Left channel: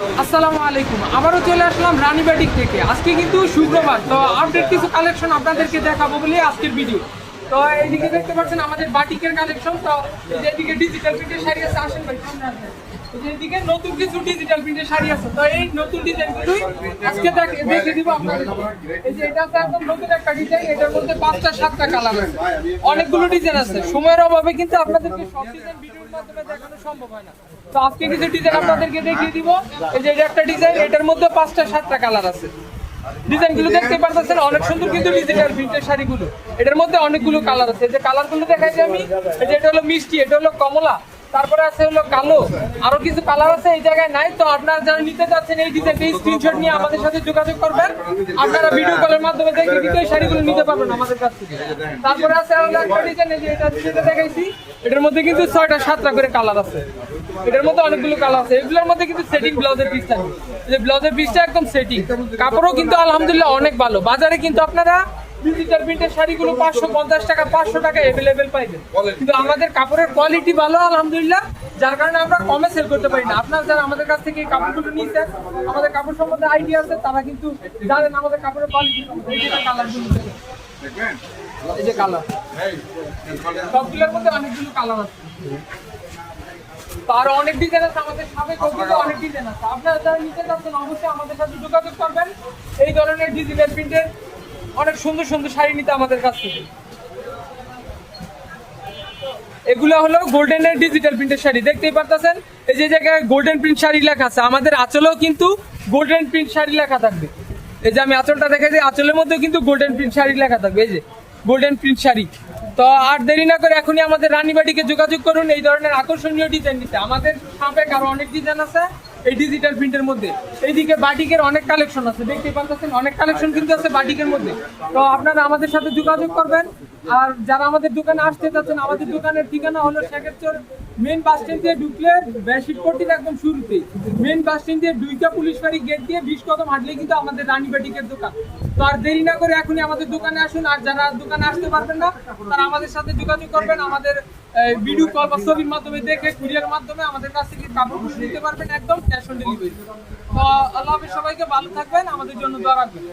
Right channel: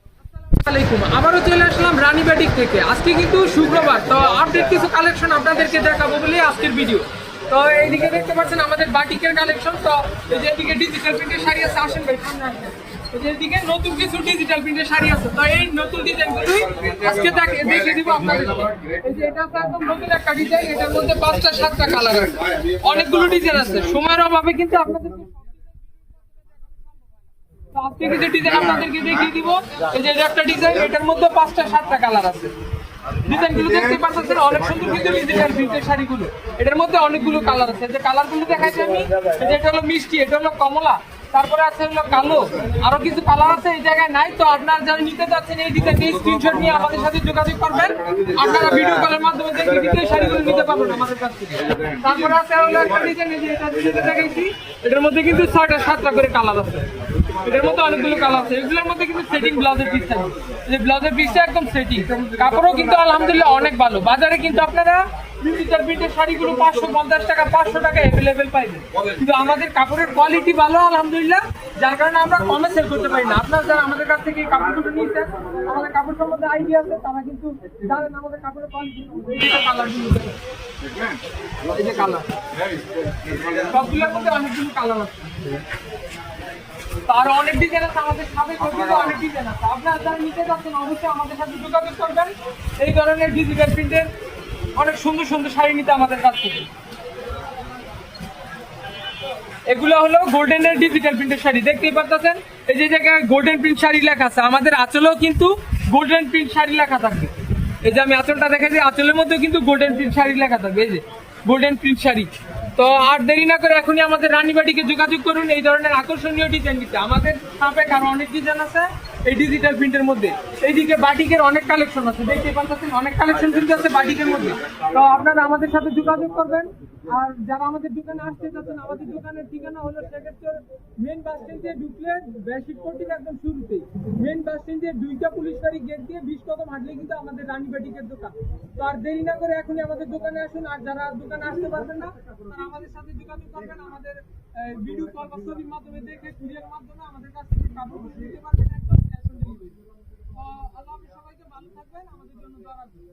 আসসালামু আলাইকুম। আবারও চলে আসলাম রানীবাটিক থেকে। আজকে কিন্তু শুক্রবার, তো আপডেট কিছু কালেকশন আপনাদেরকে দেখাবো বলে আজকের ভিডিও। তো এইদিকে দেখতে পাচ্ছেন আমাদের বাটিকের কালেকশন। তো এদিকে ডিজিটাল প্রিন্টের শাড়ি আছে, আসেন ভাই সামনে আসেন। এদিকে নতুন কিছু ডিজিটাল প্রিন্টের শাড়ি আছে। তো এই নতুন ডিজাইনগুলো আজকে দেখে দিব আপনাদের। এই যে এটা একদম নতুন একটা ডিজাইন, এটার মধ্যে 5টা 7টা কালার আছে, অনেকগুলো ডিজাইন আছে। সময়ের অভাবে কিন্তু আপনাদেরকে সব ডিজাইন ভিডিওর মাধ্যমে দেখানো সম্ভব হয় না। তো আজকে কিছু ডিজাইন আপনাদেরকে দেখিয়ে দিব। এই যে এটা একটা ডিজাইন, এটার মধ্যে 5টা 7টা কালার আছে। ডিজাইনগুলো দেখতে পাচ্ছেন অনেক সুন্দর কিন্তু ডিজিটাল প্রিন্টের শাড়িগুলো। এটার মধ্যে অনেকগুলো কালার আছে। যে কালারগুলো দেখাচ্ছি আমি, এই যে এটা হলো মিষ্টি, এটা হলো কমলা, তারপরে আছে হলো কালো, আরো কিছু কালার আছে এই জায়গায় নাই। তো আপনারা যারা নিতে যাচ্ছেন এই ডিজাইনটা স্ক্রিনশট নিয়ে আমাদের সাথে যোগাযোগ করবেন। আপনারা ভিডিও কলের মাধ্যমে দেখে এই শাড়িগুলো নিতে পারবেন আমাদের কাছ থেকে। তারপরে আছে হলো একটা ডিজাইন, এই যে এটা যেটা দেখাইছি, এটার মধ্যে কিন্তু 6টা 7টা করে কালার আছে। এটার মধ্যে অনেকগুলো কালার আছে। এগুলোর মধ্যে কিন্তু সেটিং ব্লাউজের পিস থাকে, যে ব্লাউজের পিসটা একদম সেটিং, কাপড়ও কিন্তু আলহামদুলিল্লাহ অনেক ভালো। বাজারে কিন্তু আপনারা ডিজিটাল প্রিন্টের শাড়িগুলো 550 টাকা 500 টাকা অ্যাভেলেবেল পাইবেন, কিন্তু আমাদের কাপড়ের কোয়ালিটি ভালো আলহামদুলিল্লাহ, যার কারণে আমরা কমে সেল করতে পারি না। আপনারা যারা আমাদের কাছ থেকে এই কাপড়গুলো নিয়েছেন, আমাদের কাপড় সম্বন্ধে আইডিয়া আছে, তারা কিন্তু জানেন আমাদের কাপড়ের কোয়ালিটি। কালারগুলো এই যে কালার, সবগুলোর মধ্যে অনেকগুলো কালার আছে। তার অনেক ডিজাইন আছে, আমাদের সাথে করতে অনেক ডিজাইন আছে। আপনারা যারা নিতে চাচ্ছেন অবশ্যই আমাদের সাথে যোগাযোগ করবেন। এই ধরনের ডিজিটাল প্রিন্টের অনেক সুন্দর সুন্দর শাড়ি নিতে আমাদের কাছ থেকে। এগুলো হলো গোল্ডেনের ডিজিটাল প্রিন্টের শাড়ি, দেখতেই পাচ্ছেন। এই যে জায়গায় গোল্ডেন প্রিন্ট শাড়ি লেখা আছে, আমাদের আঁচলেও কিন্তু গোল্ডেন প্রিন্ট শাড়ি লেখা থাকবে। এই যে আমি আঁচলটা দেখাচ্ছি, আঁচলের মধ্যেও কিন্তু গোল্ডেন প্রিন্ট শাড়ি লেখা থাকবে, এই যে গোল্ডেন প্রিন্ট শাড়ি। তো আর দেরি না করে এখনই আমাদের রানীবাটিকে যোগাযোগ করুন এই ধরনের আকর্ষণীয় ডিজাইন নিতে। আমাদের সাপেক আরো অনেক ডিজাইন আছে এই ডিজিটাল প্রিন্টের মধ্যে। এইদিকে বাটিকের অনেক কালেকশন আছে, দেখতে পাচ্ছেন অনেক কালেকশন কিন্তু আছে বাটিকের মধ্যে। তো আপনারা আমাদের সাথে যোগাযোগ করবেন। আর যারা আমাদের দোকানে আসতে চাচ্ছেন, আমাদের দোকানের ঠিকানা হলো শেখেরচর মেন বাস স্ট্যান্ড দিয়ে ঢুকলে বেশিরপট্টির একদম শুরুতেই মেন বাস স্ট্যান্ড দিয়ে 2টা পুলিশ বাড়ি গেট দিয়ে 20 কদম হাঁটলে কিন্তু আমাদের রানীবাটিকের দোকান। তো আর দেরি না করে এখনই আমাদের দোকানে আসুন। আর যারা দোকানে আসতে পারবেন না, তারা আমাদের সাথে যোগাযোগ করবেন। আমাদের ভিডিও কল বা ছবির মাধ্যমে দেখে কুরিয়ার মাধ্যমে আমাদের কাছ থেকে কাপড়গুলো নিতে পারবেন, একদম ক্যাশ অন ডেলিভারি। তো আল্লাহ হাফেজ, সবাইকে ভালো থাকবেন, আমাদের জন্য দোয়া রাখবেন।